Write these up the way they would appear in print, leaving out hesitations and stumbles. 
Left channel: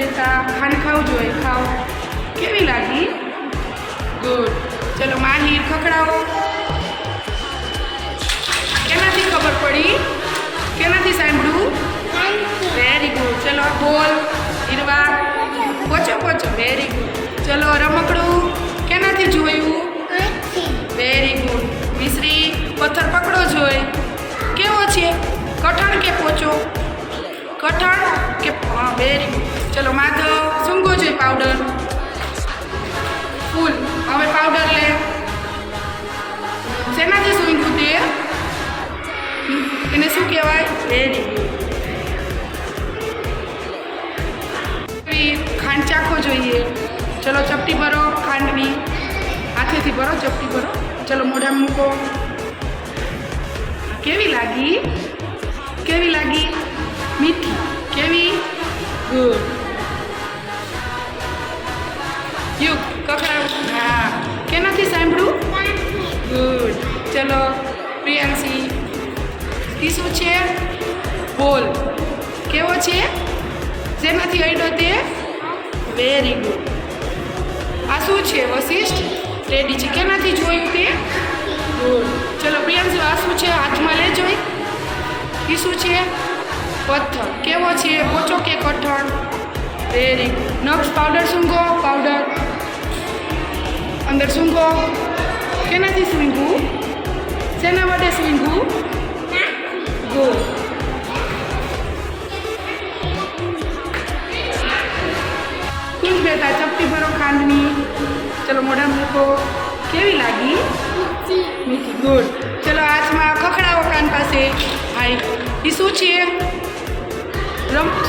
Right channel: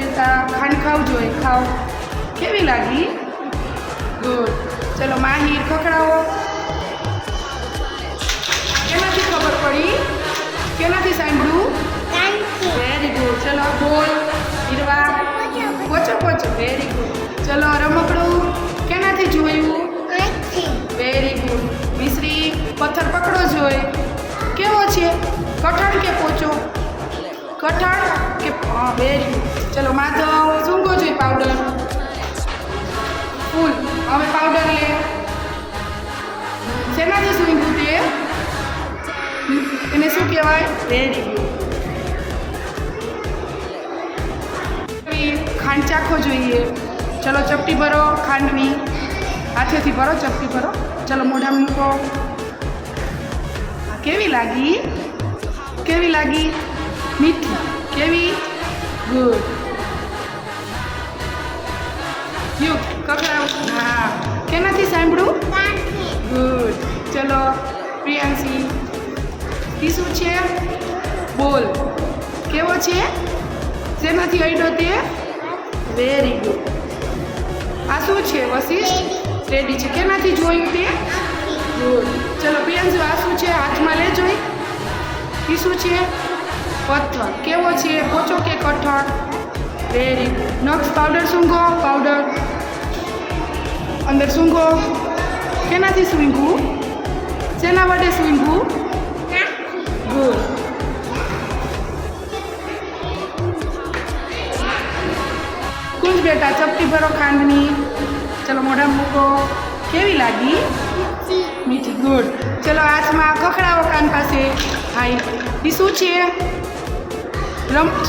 બેટા ખાંડ ખાવ જોઈએ ખાવ કેવી લાગી ગુડ ચલો માહિર ખખડાવો કેનાથી ખબર પડી કેનાથી સાંભળ્યું વેરી ગુડ ચલો બોલ હીરવા પોચો પોચો વેરી ગુડ ચલો રમકડું કેનાથી જોયું વેરી ગુડ મિશ્રી પથ્થર પકડો જોઈએ કેવો છે કઠણ કે પોચો કઠણ કે હા વેરી ગુડ ચલો માધવ સૂંઘો જોઈએ પાવડર ફૂલ હવે પાવડર લે શેનાથી સૂંઘ્યું તે એને શું કહેવાય વેરી ગુડ ખાંડ ચાખવો જોઈએ ચલો ચપટી ભરો ખાંડની હાથેથી ભરો ચપટી ભરો ચલો મોઢામાં મૂકો કેવી લાગી મીઠી કેવી ગુડ યુ કકડાવ હા કેનાથી સાંભળ્યું ગુડ ચલો પ્રિયાંશી ઈ શું છે બોલ કેવો છે શેનાથી અડ્યો તે વેરી ગુડ આ શું છે વશિષ્ઠ રેડી છે કેનાથી જોયું તે ગુડ ચલો પ્રિયાંશુ આ શું છે હાથમાં લે જોઈ એ શું છે પથ્થર કેવો છે પોચો કે કઠણ વેરી ગુડ નક્ષ પાવડર સૂંઘો પાવડર અંદર સૂંઘો કેનાથી સૂંઘવું શેના માટે સૂંઘવું ગુડ કુંજ બેટા ચપટી ભરો ખાંડની ચલો મોઢા મૂકો કેવી લાગી મીઠી ગુડ ચલો હાથમાં ખખડાવો કાન પાસે હાઈ એ શું છે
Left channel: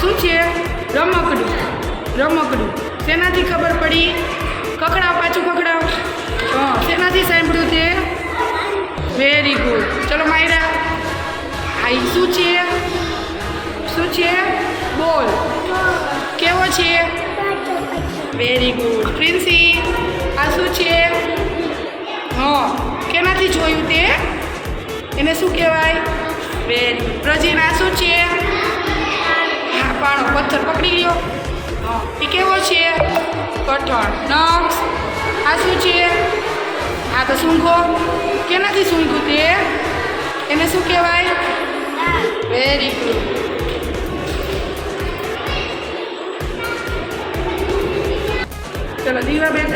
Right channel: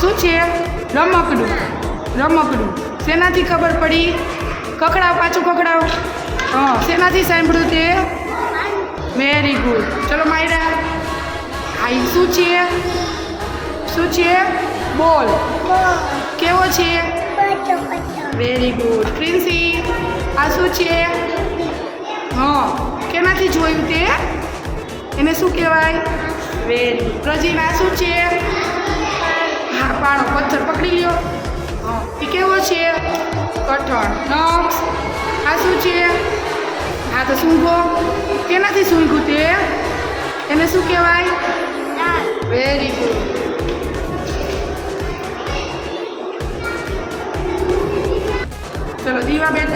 શું છે રમકડું શેનાથી ખબર પડી ખખડાવ પાછું ખખડાવ હા શેનાથી સાંભળ્યું તે વેરી ગુડ ચલો માયરા હાઈ શું છે બોલ કેવો છે વેરી ગુડ પ્રિન્સી આ શું છે હા કેનાથી જોયું તે એને શું કહેવાય વેરી ગુડ પ્રજીન આ શું છે પાણો પથ્થર પકડી લ્યો એ કેવો છે કઠણ નક્ષ આ શું છે આ તો સૂંઘો કેનાથી સૂંઘ્યું તે એને શું કહેવાય વેરી ગુડ ચલો દીવા બેન